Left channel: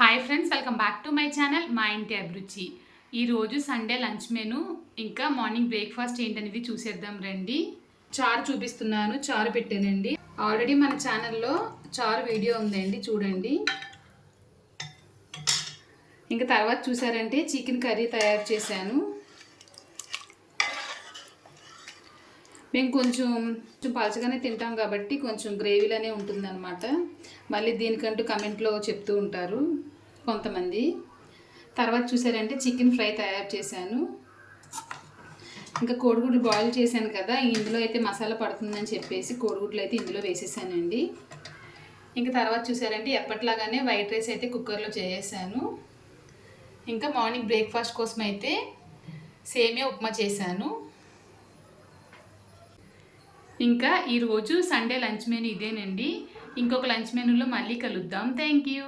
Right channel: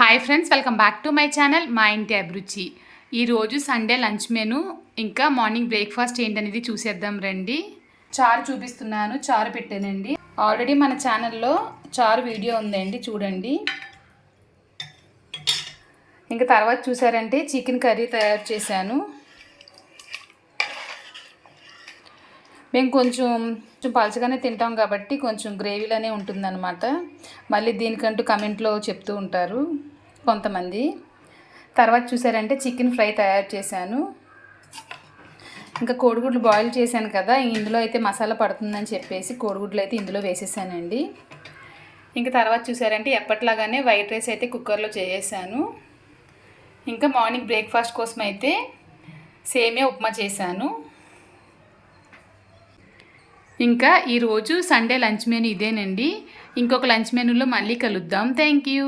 Hi friends, welcome back to my channel మా ఇంటి అభిరుచి. ఈరోజు సండే లంచ్ మెను ఇంకా మార్నింగ్ బ్రేక్ఫాస్ట్ ఏంటనేది చూసేద్దాం రండి. చారు చూపిస్తున్నాను, చారు పెట్టానండి. ఆల్రెడీ మన ఛానల్లో చారు వీడియో ఉందండి, చూడండి. ఇంకా తర్వాత చూసారంటే చికెన్ కర్రీ తయారు చేశాను. మేము కొంచెం పలచగానే తింటాం కాబట్టి కొంచెం గ్రేవీలోనే ఉంటుందన్నమాట. మళ్ళీ దీనికంటూ కమెంట్లో చెప్తూ ఉంటారు కొంతమంది. తర్వాత చూసారంటే చికెన్ ఫ్రై తయారు చేశాను. ఇంకా కోడిగుడ్లు బాయిల్ చేశాను కదా, ఇందులో అయితే మసాలా పడుతుందని చెప్పేసి కోడిగుడ్లు అయితే ఇందులో వేసేసానండి. ఇంకా తర్వాత చూసారంటే ఎప్పట్లాగానే వైట్ రైస్ అయితే కుక్కర్లో చేసేసాను. ఇంకా మార్నింగ్ బ్రేక్ఫాస్ట్ కోసం అయితే సేమియా ఉప్మా చేశాను. ఇంకా ఈరోజు సండే లంచ్ మెనూ ఇదేనండి. ఇంకొక లంచ్ మెనూలో మళ్ళీ కలుద్దాం. Thank you.